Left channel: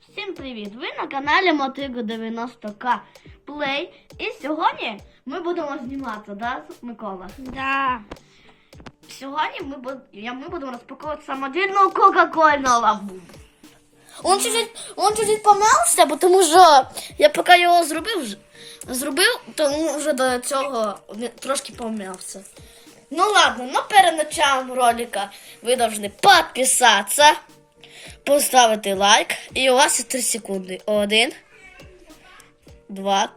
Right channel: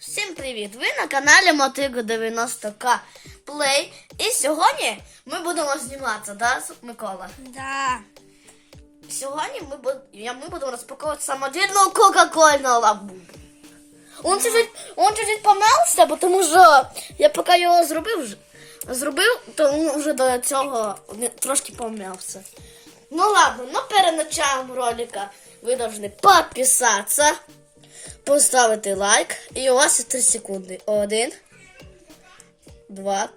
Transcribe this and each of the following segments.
Всім привіт! Ви на каналі Мотиго 90К Play. І сьогодні ми будемо зніматися, да, Микола? Да. Сьогодні ми, буд... ми будемо розпаковувати самодільну Кока-Кольну лабубу. Он чуть-чуть, он чуть-чуть тому що я поки його зробив, зробив, то він вже до цього трошки пом'явся. Ну ладно, но перед началом ролика ви повинні підписатися, поставити лайк, і у вас є 3 секунди. Один, два,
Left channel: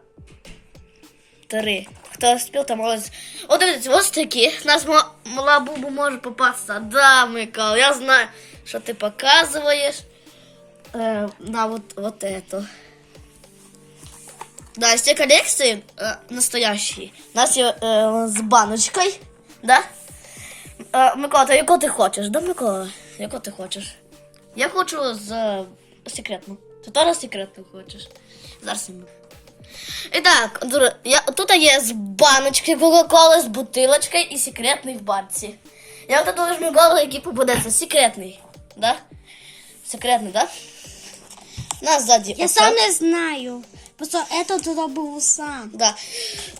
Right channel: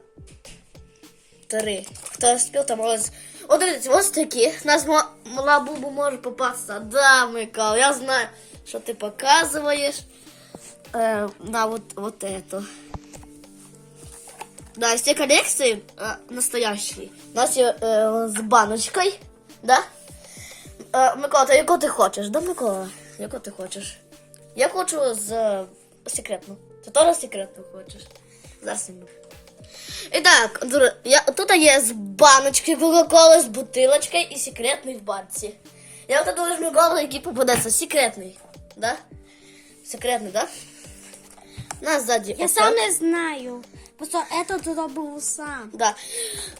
три. Хто спів, там молодець. О, дивіться, ось такі. Нас мала бубу може попасться. Да, Микол, я знаю, що ти показуєш. Е, да, вот, вот это. Да, tej коллекции э, настоящие. У нас є е, з баночкою, да? Е, Микола, ти яку ти хочеш, да, Микола? Яку ти хочеш? Я хочу з е, секретну. Ти теж секретну хочеш? Зараз я буду. І так, друзі, я, тут є з баночки Кока-Коли, з бутилочкою і секретний в банці. Я от думаю, Микола, який попадеться. Секретний, да? Секретний, да? У нас ззаді. Я оце. сам не знаю. Просто это зробив сам. Да.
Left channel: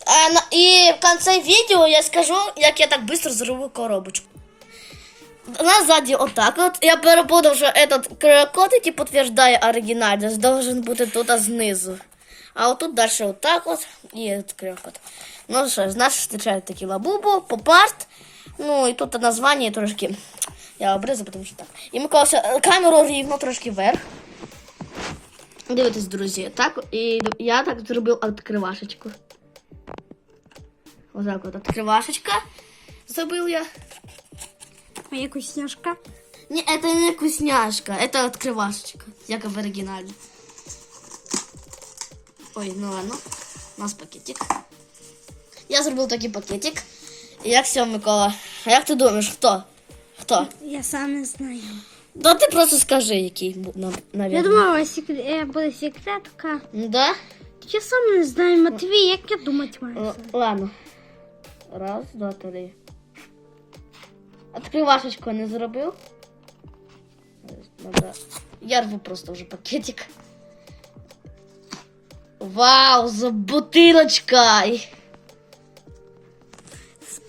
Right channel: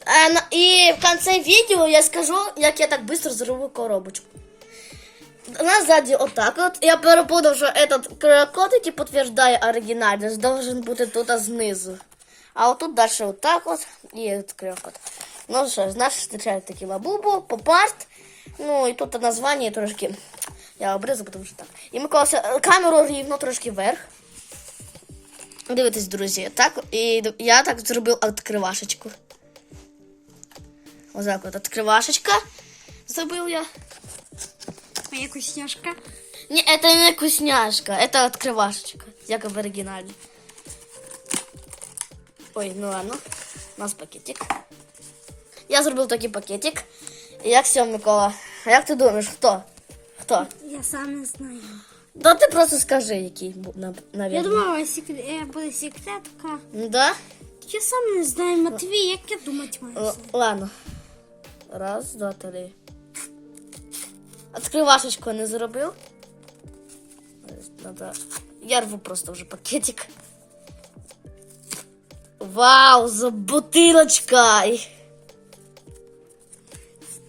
Е, на- і в кінці відео я скажу, як я так швидко зробив коробочку. У нас сзади вот так вот. Я перепутав, що этот QR-код, який підтверждає оригінальність, должен бути тут знизу. А от тут далі вот так вот і от QR-код. Ну що ж, нас зустрічають такі лабубу, попарт. Ну і тут названня трошки. Я обрізав, тому що так. І Микола, ще, е, камеру рівно трошки вверх. Дивитесь, друзі, так, і я так зробив відкривашечку. Ось так от відкривашечка зробив я. А як вкусняшка? Не, это не вкусняшка, это открывашечка, як в оригіналі. Ой, ну ладно. У нас пакетик. Я зробив такий пакетик. Як все, Микола? А як ти думаєш, хто? Хто? Я сам не знаю. Да ти просто скажи, який був, на- Я навіть. думала, секрет... е, буде секретка. Ну да? Я сам не знаю, Матвій, як я думати маю. Ну, ладно. Раз, два, три. Открывашечку не зробив. Я рву просто вже пакетик. Вау, за бутилочкою.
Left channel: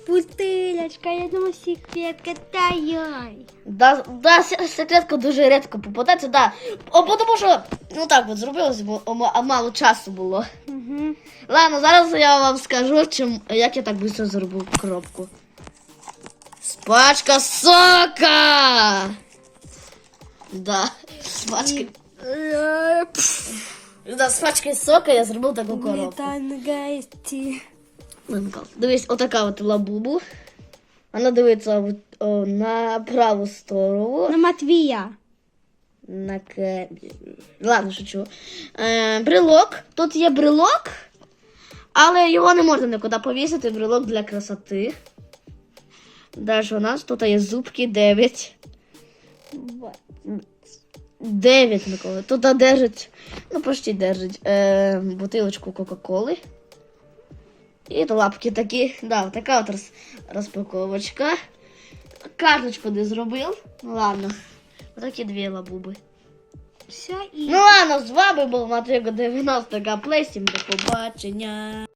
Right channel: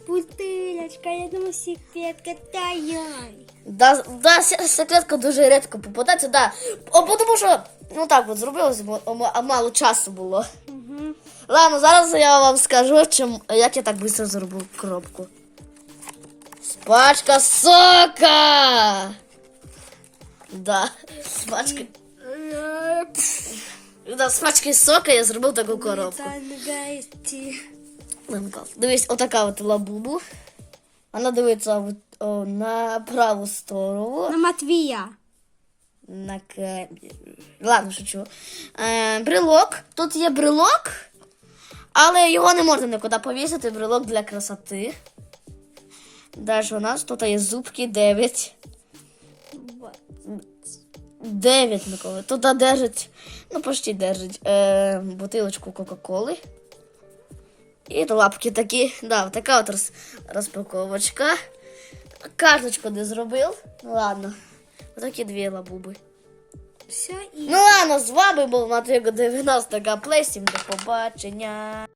Бутилочка, я думаю, секретка таяй. Да, да, секретка дуже рідко попадається, да. О, тому що, ну так от зробилось, бо а мало часу було. Угу. Ладно, зараз я вам скажу, чим, як я так швидко зробив коробку. Спачка сока! Да, з пачки. Да, з пачки сока я зробив таку коробку. гості. Дивись, отака от лабубу. Вона дивиться о, на праву сторону. На Матвія. На к... Ладно, шучу. Е, брелок. Тут є брелок, але його не можна нікуди повісити. Брелок для красоти. Далі у нас тут є зубки 9. 9, Микола. Тут держить, ну почти держить е, бутилочку Кока-Коли. І лапки такі. Да, така от роз, розпаковочка. Карточку не зробив. Ну ладно. Отакі дві лабуби. Все і... Ну ладно, з вами був Матрико 90 Плей. Всім до побачення.